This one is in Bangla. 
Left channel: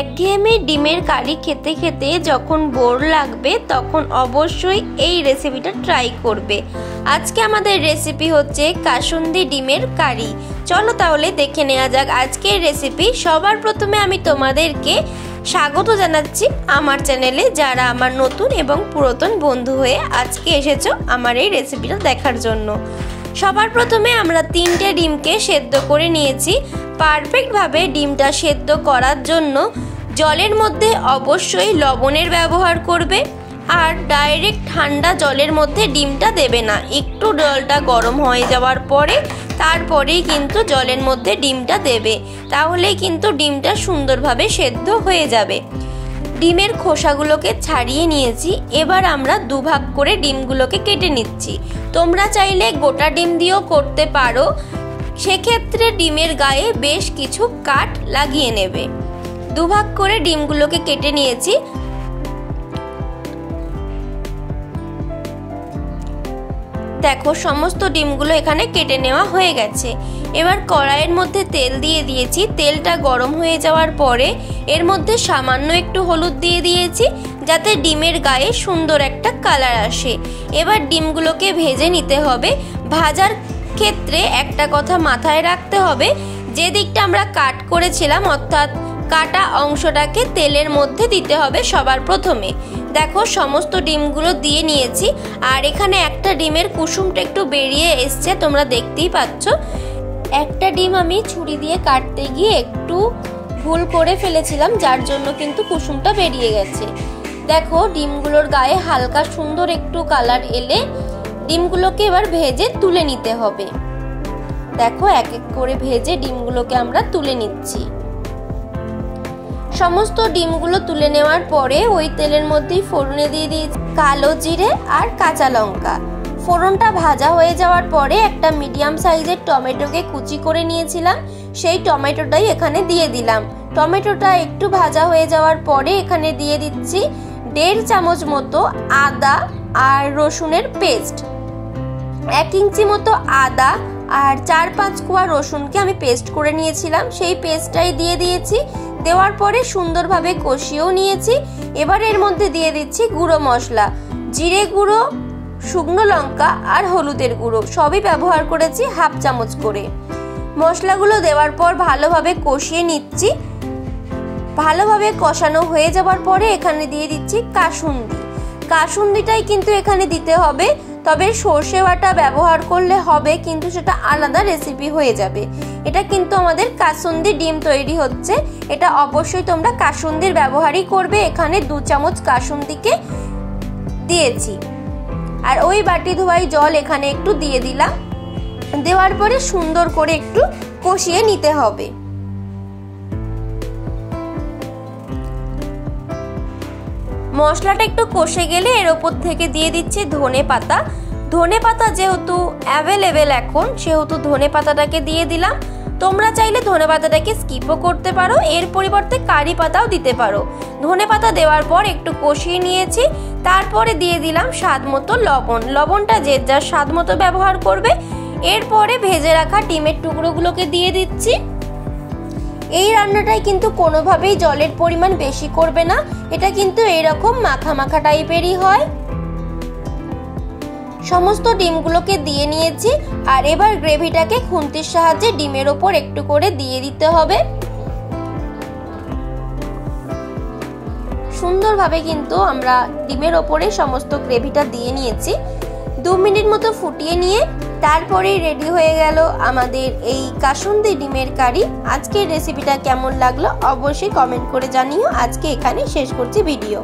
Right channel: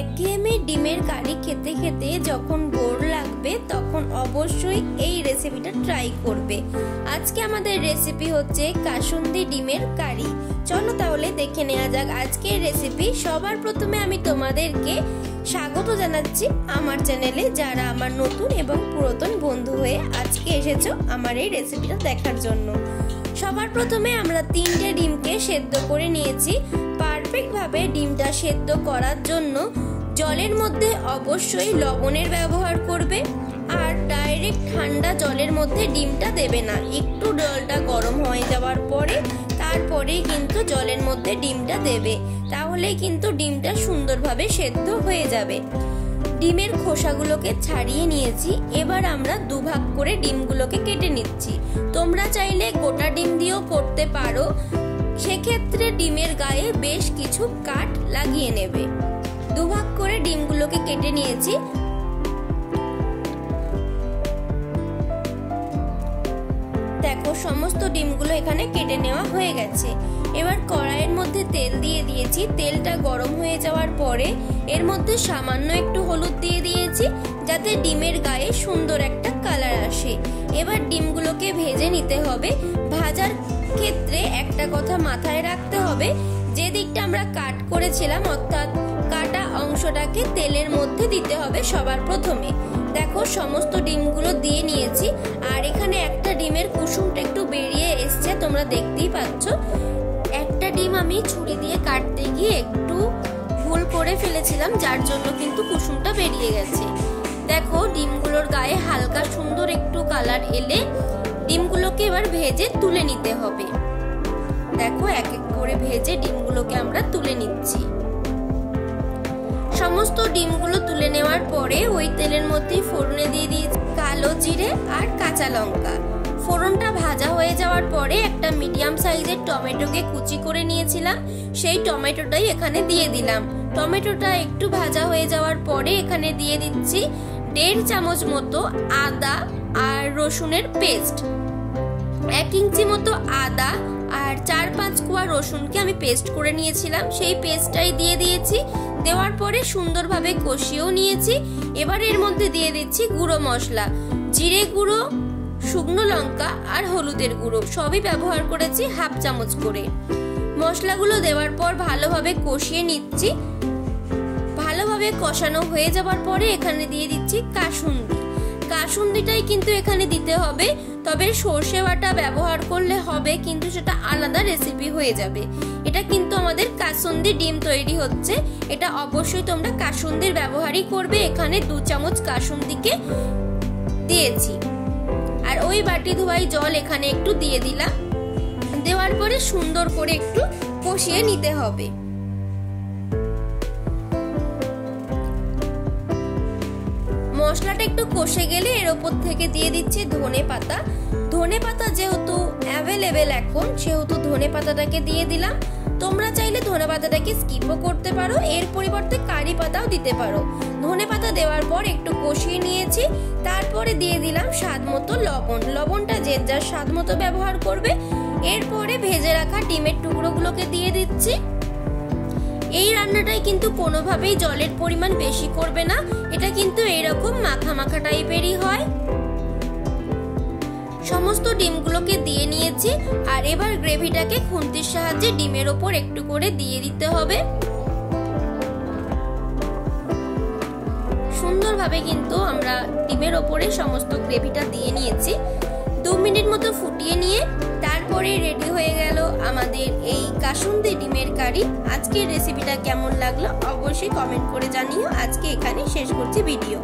একঘেয়েমি ডিমের কারি খেতে খেতে যখন বোর লাগবে তখন অবশ্যই এই রেসিপিটা ট্রাই করবে। আজকে আমাদের রেসিপি হচ্ছে কাসুন্দি ডিমের কারি। চলো তাহলে দেখে নেওয়া যাক আজকের রেসিপি। সবার প্রথমে আমি তোমাদেরকে স্বাগত জানাচ্ছি আমার চ্যানেলে, যারা আমার নতুন এবং পুরাতন বন্ধু হয়ে আজকে এসেছো আমার এই রেসিপিটা দেখার জন্য। সবার প্রথমে আমরা 3টে ডিমকে সেদ্ধ করে নিয়েছি। পারফেক্টভাবে ডিমটা সেদ্ধ করার জন্য জলের মধ্যে অবশ্যই লবণের ব্যবহার করবে, আর ডাইরেক্ট ঠান্ডা জলের মধ্যে ডিমটা দেবে না। একটু জলটা গরম হয়ে যাওয়ার পরে তারপরেই কিন্তু জলের মধ্যে ডিমটা দেবে, তাহলেই কিন্তু ডিমটা সুন্দরভাবে সেদ্ধ হয়ে যাবে। ডিমের খোসাগুলোকে ছাড়িয়ে নিয়েছি। এবার আমরা দুভাগ করে ডিমগুলোকে কেটে নিচ্ছি। তোমরা চাইলে গোটা ডিম দিয়েও করতে পারো, সেক্ষেত্রে ডিমের গায়ে বেশ কিছু কাট লাগিয়ে নেবে। দুভাগ করে ডিমগুলোকে কেটে নিয়েছি। দেখো সমস্ত ডিমগুলো এখানে কেটে নেওয়া হয়ে গেছে। এবার কড়াইয়ের মধ্যে তেল দিয়ে দিয়েছি। তেলটা গরম হয়ে যাওয়ার পরে এর মধ্যে সামান্য একটু হলুদ দিয়ে দিয়েছি, যাতে ডিমের গায়ে সুন্দর একটা কালার আসে। এবার ডিমগুলোকে ভেজে নিতে হবে। ভাজার ক্ষেত্রে একটা কথা মাথায় রাখতে হবে, যে দিকটা আমরা কাট করেছিলাম অর্থাৎ কাটা অংশটাকে তেলের মধ্যে দিতে হবে সবার প্রথমে। দেখো সমস্ত ডিমগুলো দিয়ে নিয়েছি, আর এখানে একটা ডিমের কুসুমটা একটু বেরিয়ে এসছে, তোমরা দেখতেই পাচ্ছ। একটা ডিম আমি ছুরি দিয়ে কাটতে গিয়ে একটু ভুল করে ফেলেছিলাম, যার জন্য কিন্তু কুসুমটা বেরিয়ে গেছে। দেখো ডিমগুলোর গায়ে হালকা সুন্দর একটু কালার এলে ডিমগুলোকে এবার ভেজে তুলে নিতে হবে। দেখো এক এক করে ভেজে ডিমগুলোকে আমরা তুলে নিচ্ছি। সমস্ত ডিমগুলো তুলে নেওয়ার পরে ওই তেলের মধ্যেই ফোড়নে দিয়ে দিয়েছি কালো জিরে আর কাঁচা লঙ্কা। ফোড়নটা ভাজা হয়ে যাওয়ার পরে একটা মিডিয়াম সাইজের টমেটোকে কুচি করে নিয়েছিলাম, সেই টমেটোটাই এখানে দিয়ে দিলাম। টমেটোটা একটু ভাজা হয়ে যাওয়ার পরে এখানে দিয়ে দিচ্ছি 1.5 চামচ মতো আদা আর রসুনের পেস্ট। 1 ইঞ্চি মতো আদা আর 4-5 কোয়া রসুনকে আমি পেস্ট করে নিয়েছিলাম, সেই পেস্টটাই দিয়ে দিয়েছি। দেওয়ার পরে সুন্দরভাবে কষিয়েও নিয়েছি। এবার এর মধ্যে দিয়ে দিচ্ছি গুঁড়ো মশলা, জিরে গুঁড়ো, শুকনো লঙ্কা আর হলুদের গুঁড়ো, সবই ব্যবহার করেছি 1/2 চামচ করে। মশলাগুলো দেওয়ার পর ভালোভাবে কষিয়ে নিচ্ছি। ভালোভাবে কষানো হয়ে যাওয়ার পরে এখানে দিয়ে দিচ্ছি কাসুন্দি। কাসুন্দিটাই কিন্তু এখানে দিতে হবে, তবে সর্ষে বাটা ব্যবহার করলে হবে, কিন্তু সেটা আলাদা রেসিপি হয়ে যাবে। এটা কিন্তু আমাদের কাসুন্দি ডিম তৈরি হচ্ছে, এটা অবশ্যই তোমরা কাসুন্দির ব্যবহারই করবে। এখানে 2 চামচ কাসুন্দিকে দিয়েছি, আর ওই বাটি ধোয়াই জল এখানে একটু দিয়ে দিলাম। দেওয়ার পরে সুন্দর করে একটু কষিয়ে নিতে হবে। মশলাটা একটু কষে গেলে এর ওপর থেকে দিয়ে দিচ্ছি ধনে পাতা। ধনে পাতা যেহেতু অ্যাভেলেবেল এখন, সেহেতু ধনে পাতাটাকে দিয়ে দিলাম। তোমরা চাইলে ধনে পাতাটাকে স্কিপও করতে পারো, এর পরিবর্তে কারি পাতাও দিতে পারো। ধনে পাতা দেওয়ার পর একটু কষিয়ে নিয়েছি। তারপরে দিয়ে দিলাম স্বাদ মতো লবণ। লবণটা যে যার স্বাদ মতো ব্যবহার করবে। এরপরে ভেজে রাখা ডিমের টুকরোগুলোকে দিয়ে দিচ্ছি। এই রান্নাটাই কিন্তু কোনোভাবেই জলের পরিমাণ বেশি করবে না, এটা কিন্তু এরকম মাখা মাখা টাইপেরই হয়। সমস্ত ডিমগুলোকে দিয়ে নিয়েছি, আর এবার গ্রেভিটাকে খুন্তির সাহায্যে ডিমের ওপর একটু করে দিয়ে দিতে হবে। সুন্দরভাবে কিন্তু আমরা ডিমের ওপরে সমস্ত গ্রেভিটা দিয়ে নিয়েছি। 2 মিনিট মতো ফুটিয়ে নিয়ে তারপরেই রেডি হয়ে গেল আমাদের এই কাসুন্দি ডিমের কারি। আজকের রেসিপিটা কেমন লাগলো অবশ্যই কমেন্ট করে জানিও। আজকে এখানে শেষ করছি ভিডিও।